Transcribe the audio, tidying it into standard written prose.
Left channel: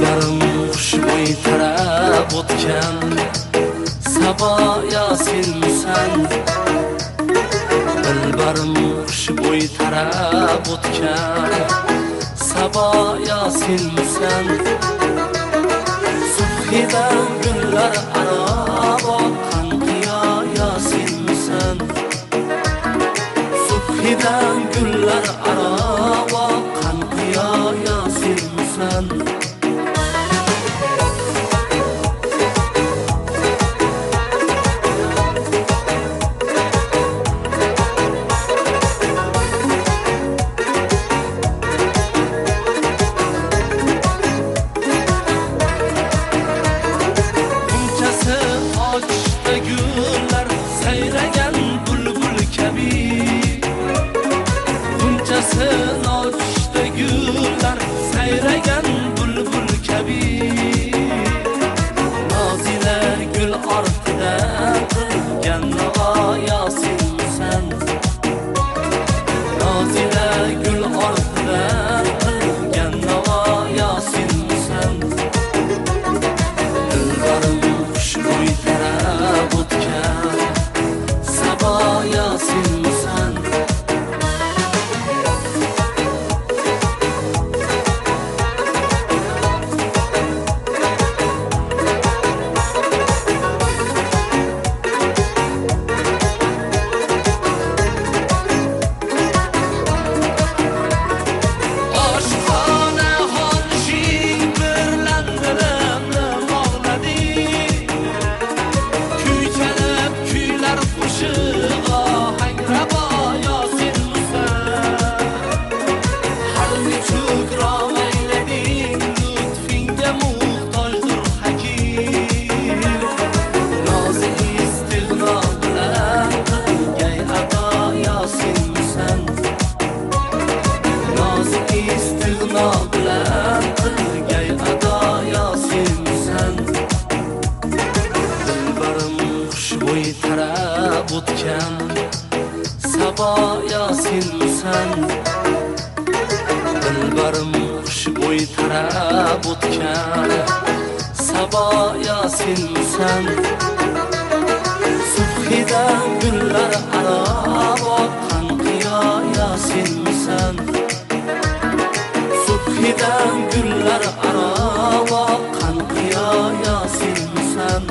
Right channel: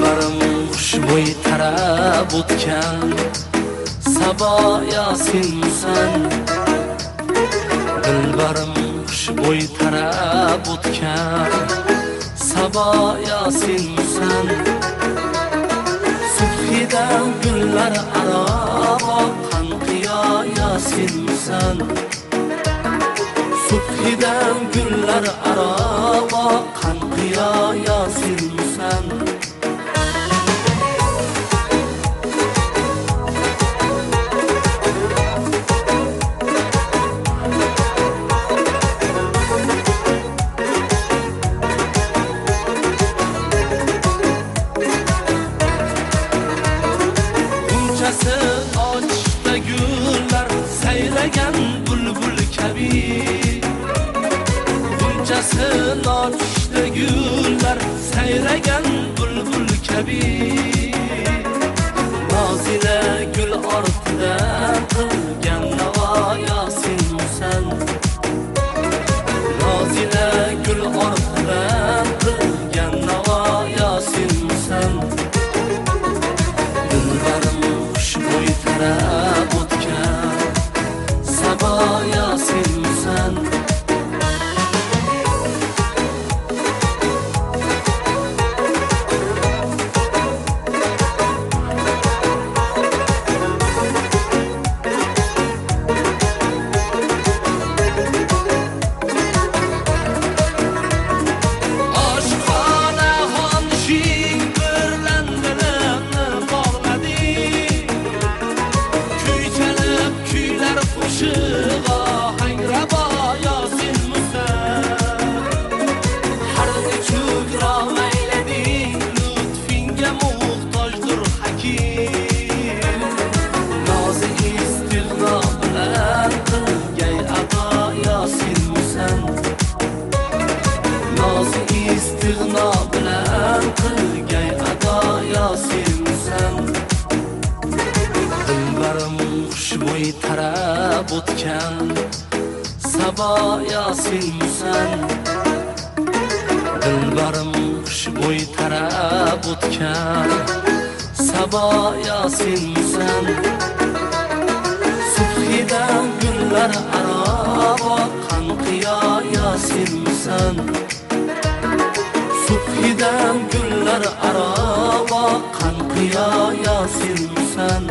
Dilbarim xushbo'y tarab o'tgan Sabo Yasinmisan. Dilbarim xushbo'y tarab o'tgan Sabo Yasinmisan. Subhidan gullar aro boqqan qiyo Yasinmisan. Subhidan gullar aro boqqan qiyo Yasinmisan. Ochta gullar sayragan bulbul kabi. Bunchasi ochta gullar sayragan bulbul kabi. Nozila gul ortidan qilgan navo Yasinmisan. Nozila gul ortidan qilgan navo Yasinmisan. Dilbarim xushbo'y tarab o'tgan Sabo Yasinmisan. Oshxona xonishing birlan dilimni bog'ladi. Qo'shig'a hangrabo Yasinmisan. Har nechuk romaylading lutfinga muhtojdir hakim. Nozi istig'no bilan qilgay ado Yasinmisan. Nozi istig'no bilan qilgay ado Yasinmisan. Dilbarim xushbo'y tarab o'tgan Sabo Yasinmisan. Dilbarim xushbo'y tarab o'tgan Sabo Yasinmisan. Subhidan gullar aro boqqan qiyo Yasinmisan. Subhidan gullar aro boqqan qiyo Yasinmisan.